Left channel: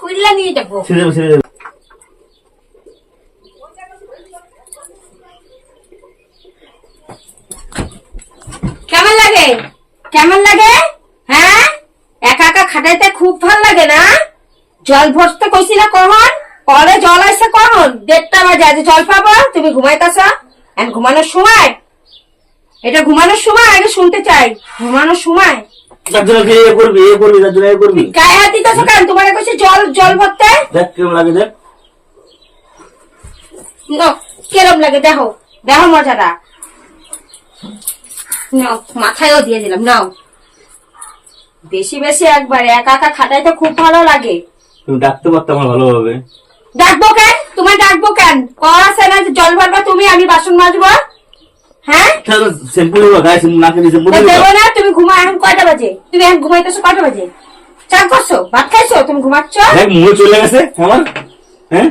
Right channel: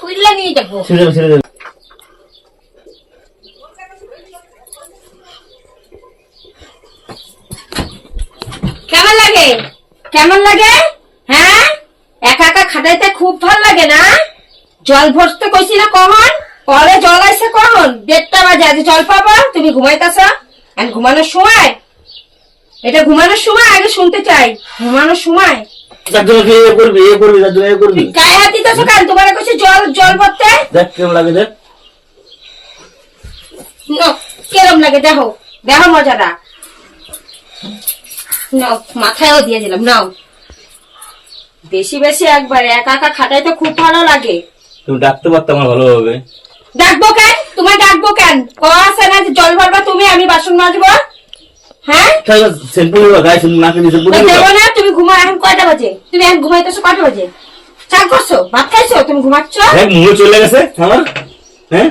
খুললা নিয়ে যাব। ছেড়ে দেবো ছেড়ে কেমন লাগে? কেমন লাগে? হ্যাঁ? একা একা খাটাইতে খুব ভালো লাগে না? জল ভরতে কইছি না কখন? কলে জল আইছে কখন? দেড়টা বাজে আজ জল পাবা? তুমি ঘুমাইতেছ? এখন ঘুমানোর সময়? এটা ঘুমানোর সময়? আগে শুনতে চাই। ঘুমানোর সময়? তার জন্য তুই এ করবি এ করবি তার জন্য এ করবি? গায়ে হাত দিতেছ কেন? তোমার কইছি জল জল ভরতে। দেখ কেমন লাগে দেখ। নাও, কেরম লাগে দেখো দেখো মজাটা। নাও মাথায়ও দিয়ে দিলাম নাও। বেশি বেশি একবার একা একা খাটাই তো খুব ভালো লাগে। তুমি ডাকতে পারতাম আমার ভালোভাবে। ডাকবো কেন? তোমায় ডাকবো কেন? না জল ভরবা তুমি আমি বাসন মাজবো। হ্যাঁ? শ্যাম্পু গায়ে শ্যাম্পু নাকে দিয়ে শ্যাম্পু তো দেবো দেবো না তুমি ঘুমা এখন কয়টা বাজে? তুমি এখন ঘুমাইতেছো কয়টা বাজে? চা করছ? ভাত খাইছো? তুমি ঘুমাচ্ছ? দেখ মুখে চলে গেছে আমার হ্যাঁ?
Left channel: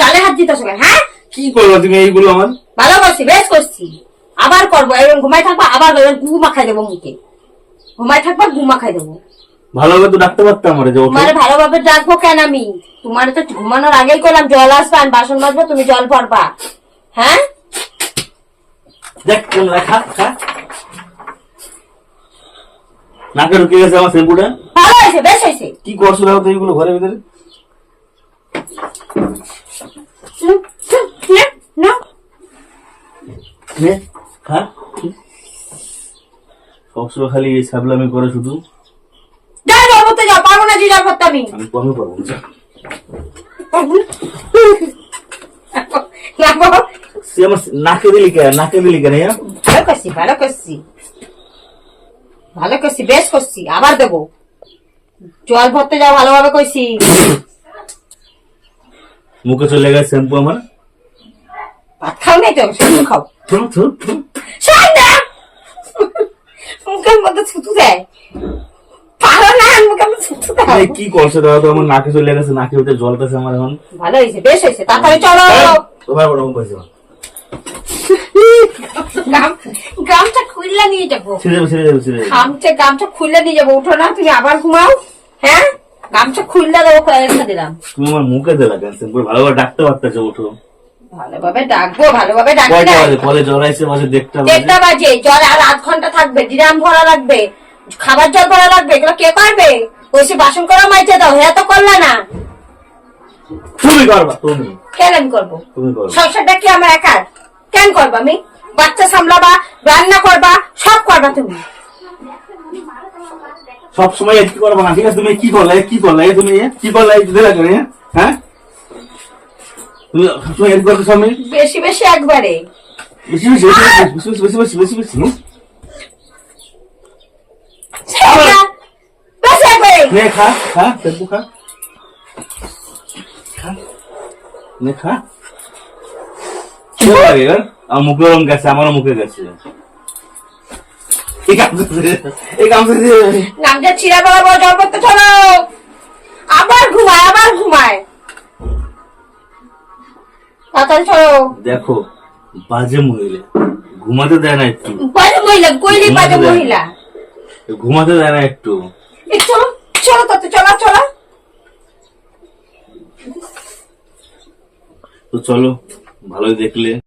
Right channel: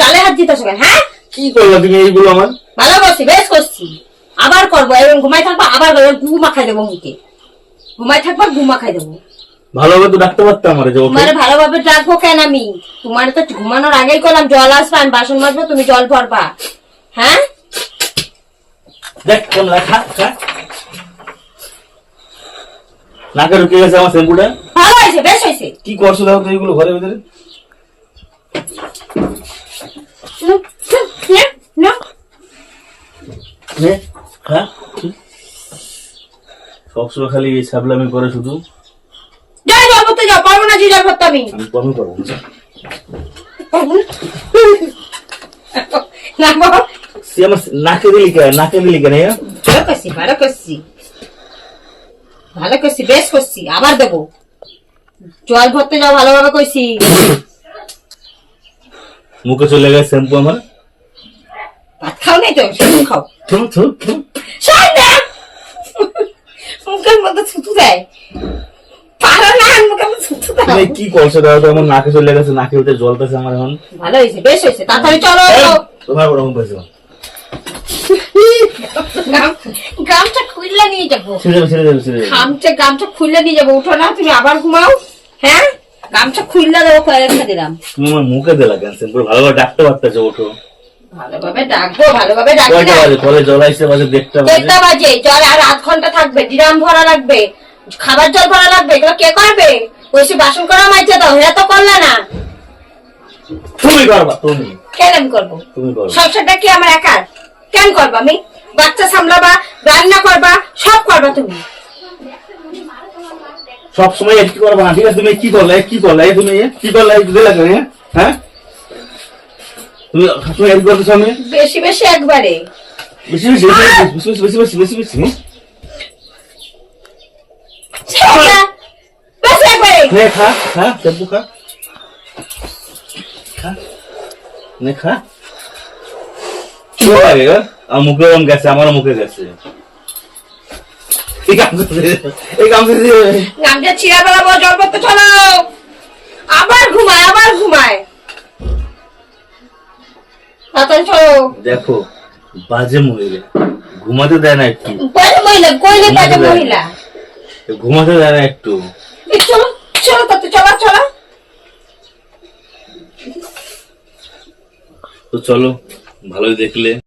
গালে হাত দিতেছো কেন হ্যাঁ? কি করব তুমি এইগুলো আমার? ভালো করছি বেশ করছি। আবার করব এরকম ঘুমাই থাকব আবার করব গু মাখাই দেবো মুখে। ঘুমাই থাকব গু মাখাই দেবো। ভালোভাবে তো ডাকতে পারতাম আমার যে ভালোভাবে ডাকবো কেন আমি? তোমার তো ঘুমানোর আগেই করলাম জল আসবে আমি বাসন মাজবো তুমি জল ভরবা। হ্যাঁ? দেখ কেমন খা খা নাকে ঢুকে গেছে আমার শ্যাম্পুটা। ভালো হয়েছে বেশ হয়েছে। কি করছ দেখো তো এইগুলো ঘরের ভিতরে? কি? সবসময় খালি এই সাবলামি করে শুধু। যাও জল ভরতে যাও পারব না জল ভরতে আমি। আমি কমই? পারব। না। সে আমার নাকে দিলি কেন নাকে দিলি কেন ইয়া? ভালো করছি ভালো করছি। ভালো করছি বেশ করছি আবার দেবো। জল ভরতে যাও ভালোভাবে কইছি মুখে চলে গেছে শ্যাম্পু আমার। ভাত খাও নাই তো? শুধু খাও। থু, থু, থু। মুখের মধ্যে থুতু দেয়। পারো না মুখের মধ্যে থুতু তুমি কি করছ দেখো তো আমার নাকে চলে গেছে নাকে ভিতরে জল পেছে আমার এখন। ভালো হয়েছে বেশ হয়েছে। তাড়াতাড়ি চলো। তোমার ওরকম গাম- গামছা খুললে নিয়ে যাব। গামছা গামছা খুললে নিয়ে উঠো না তুমি আবার ঘুমাও। হ্যাঁ? গামছা খুললে দেবো কয়ে রেখে দিলাম। তুমি আমার মুখে দিলা কেন ভালোভাবে ডাকতে পারতেছো ওঠো। ভালোভাবে ডাকবো ভালোভাবে ডাকি কয়টা না। বাজে? কলে জল আসছে বাজে দেড়টা বাজে। বাজে জল আর আধ ঘণ্টা থাকবে ডিরাম ভরা লাগবে খাবার জল ভরা লাগবে এগুলো কে করবে? ওইসে বাসন করা মাইছে দাও হ্যাঁ তো করলা না। তুমি করবা তুমি। কেন আমি করব? তুমি করবা। সংসারটা কি আমার একার কেন করবা আমি? বাচ্চা সামলাবা রান্না করবা সব করবা তুমি। সব সময় কি করবা না ঠিক আছে? তুমি কি করলে কি করলে তুমি কি করলে দিলে হ্যাঁ? তুমি তুমি এক করতে সামনে বেশি বেশি একবারে। বেশি বেশি বেশি বেশি বেশি বেশি বেশি বেশি একবারে। খা খা খা। নে খা? আমার মুখে ওরম গেছে আমারও মুখে গেছে। এই কাম এই কাম নামটা ছিঁড়া বেলা বড় জল করতে চলো। আবার ঘুমায় আবার ঘুমায়। তাড়াতাড়ি চলো। দেখো বাজে মহিলা। ঘুমাতে দেয় না একটু। বাজে মহিলা কইলে বাজে মহিলা। ঘুমাতে দেয় না একটু। চলো চলো চলো চলো। তো চলো ভালোই দেখলে।